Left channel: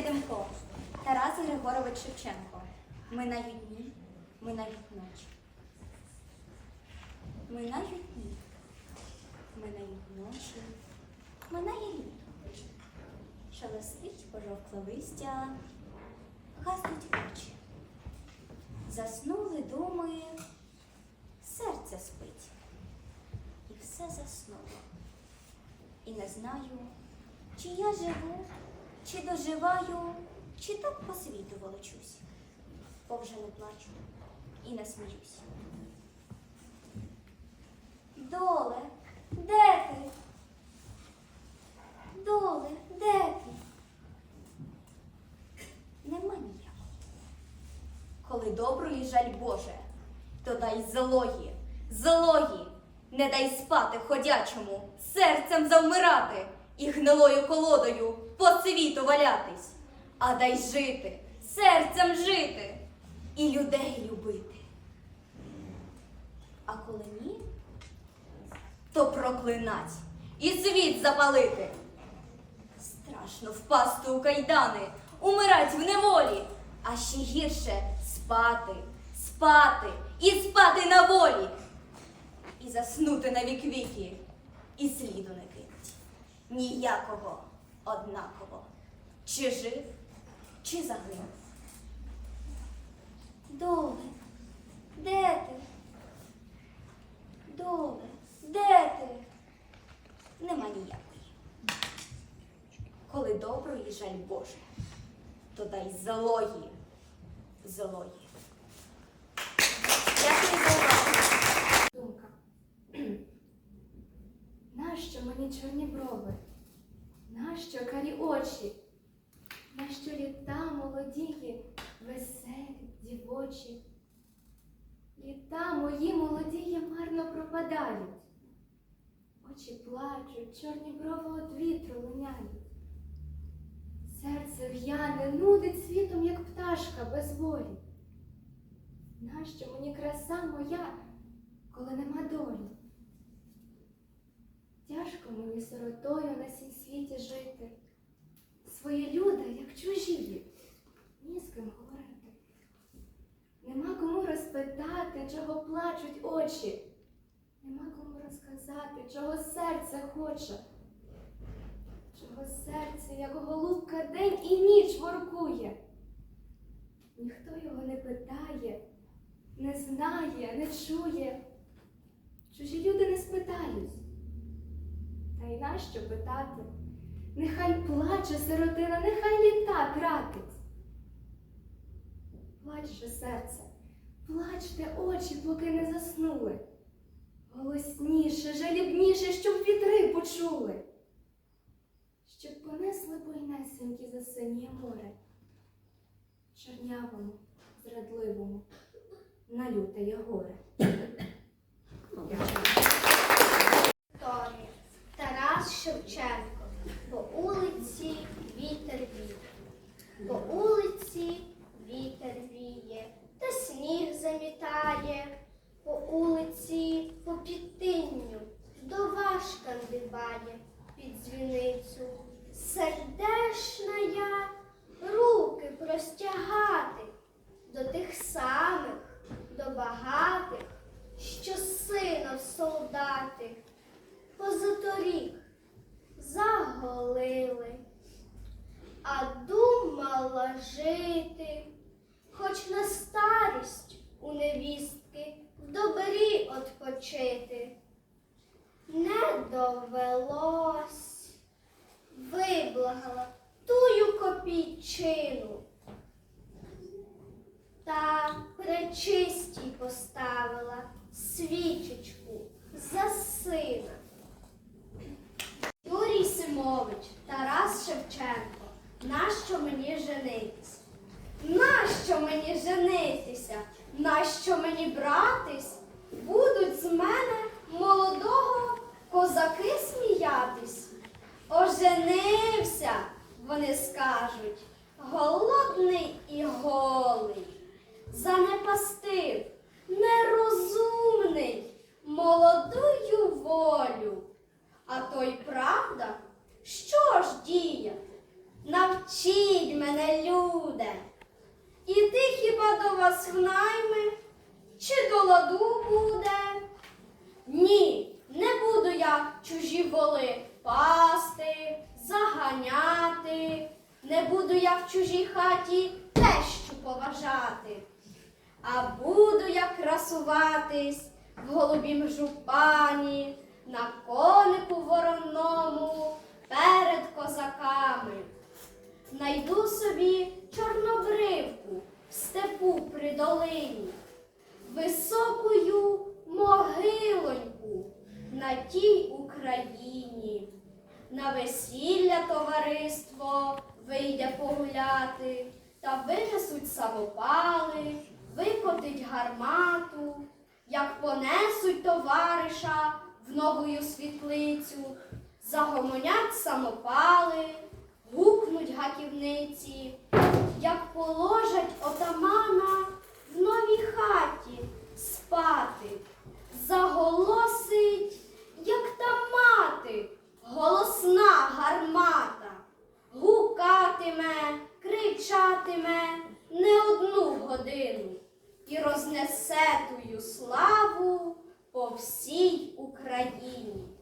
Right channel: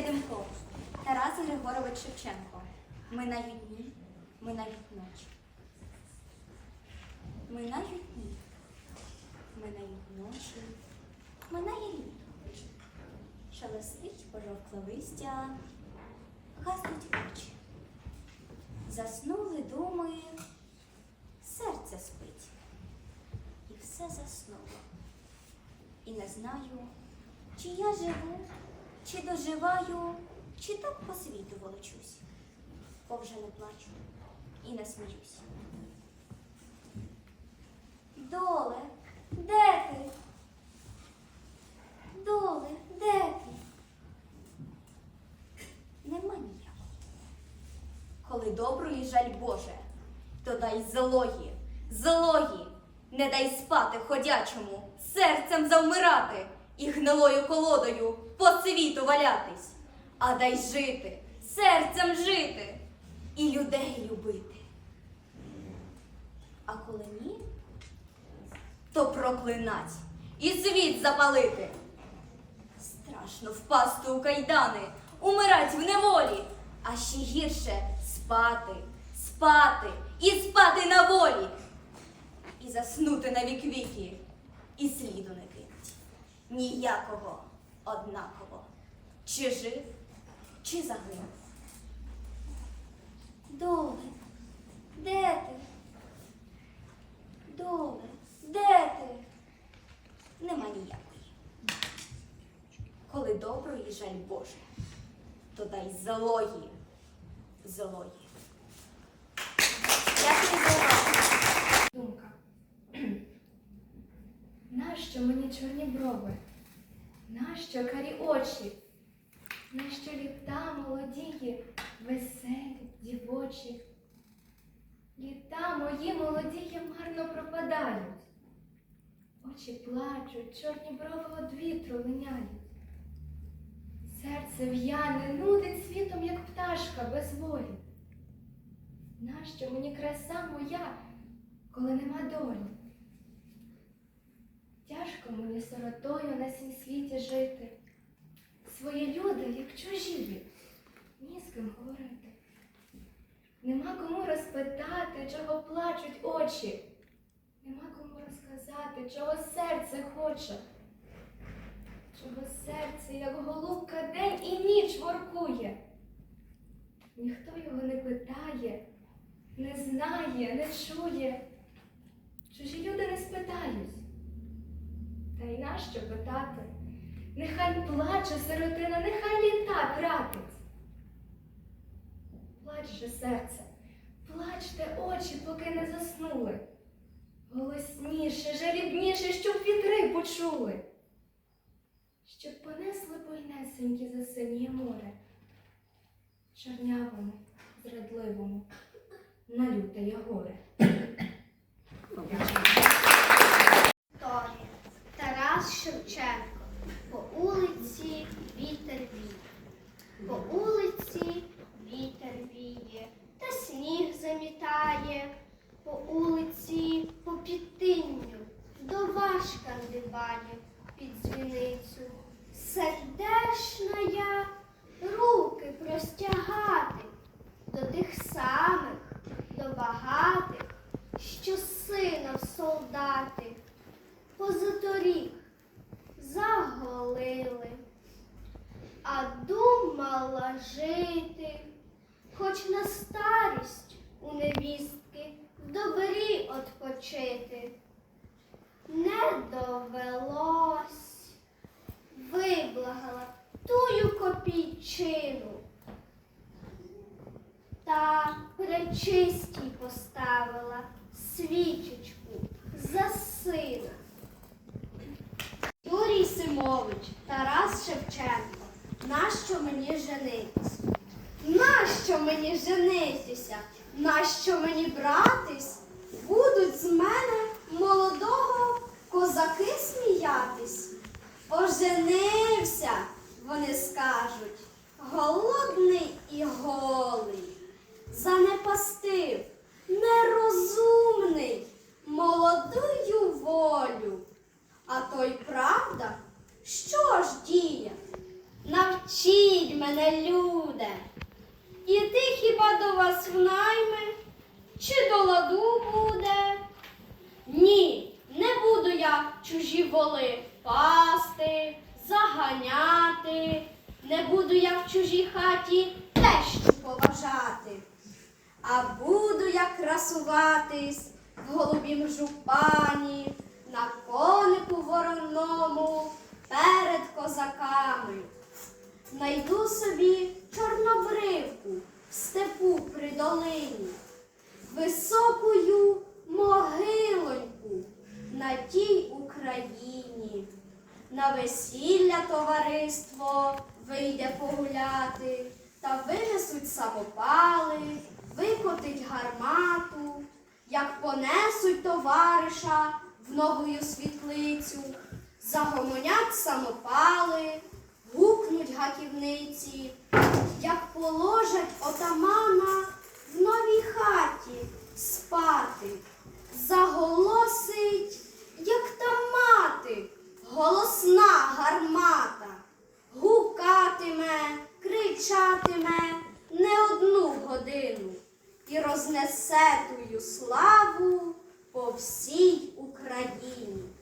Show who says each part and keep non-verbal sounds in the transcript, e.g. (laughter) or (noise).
Speaker 1: Демко, Тарас Григорович Шевченко. Минають дні, минають ночі. Минають дні, минають ночі, минає літо. Шелестить пожовкле листя, гаснуть очі. Заснули думи, серце спить. І все заснуло. І не знаю, чи я живу, чи доживаю, чи так по світу волочусь, бо вже не плачу і не сміюсь. Доле, де ти? Доле, де ти? Нема ніякого. Коли доброї жаль Боже, то дай злої, злої, не дай спати ходячому, серцем завмирати і гнилою колодою по світу валятись, а дай жити, серцем жити і людей любити. А коли ні, то проклинать і світ запалити. Страшно впасти у кайдани, умирать в неволі, а ще гірше спати, спати і спати на волі. І заснути на вік віки, і сліду не кинуть. Ніякого однаково. Чи жив, чи загинув. Доле, де ти? Доле, де ти? Нема ніякої. Коли доброї жаль Боже, то дай злої, злої.
Speaker 2: Думка. (clears throat) Нащо мені чорні брови? Нащо карі очі? Нащо літа молодії, веселі, дівочі? Літа мої молодії марно пропадають. Очі плачуть, чорні брови од вітру линяють. Серце в'яне, нудить світом, як пташка без волі. Нащо мені краса моя, коли нема долі? Тяжко мені сиротою на сім світі жити. Свої люди, як чужі, ні з ким говорити. Нема кому розпитати, чого плачуть очі. Нема кому розказати, чого серце хоче. Чого серце, як голубка, день і ніч воркує. Ніхто його не питає, не знає, не чує. Чужі люди не спитають. Й нащо питати? Нехай плаче сиротина, нехай літа тратить. Плач же серце, плачте очі, поки не заснули. Голосніше, жалібніше, щоб вітри почули. Щоб понесли бойнесенькі за синє море, чорнявому, зрадливому, на лютеє горе.
Speaker 3: Жити, хоч на старість у невістки в добрі odpoчити. Не довелось, виблагала тую копійчину. Та пречистій поставила свічечку за сина. Юрій Симович, Тарас Шевченко, нащо мені женитись? Нащо мені женитися? Нащо мені братись? Будуть з мене вас в найми, чи до ладу буде? Ні, не буду я чужі воли пасти, заганяти, не буду я в чужій хаті тещу поважати, а буду я красуватись в голубім жупані, на конику вороному перед козаками. Найду собі долині, високою могилоньку на тій Україні. На весілля товариство вийде погуляти, та винесуть самопали, викотить гармату, як понесуть товариша в новую світлицю, загомонять самопали, гукнуть гаківниці, як положать отамана в новій хаті спати, заголосить, як та мати, голосна гармата, гукатиме, кричатиме не одну годину і рознесе тую славу по всій Україні.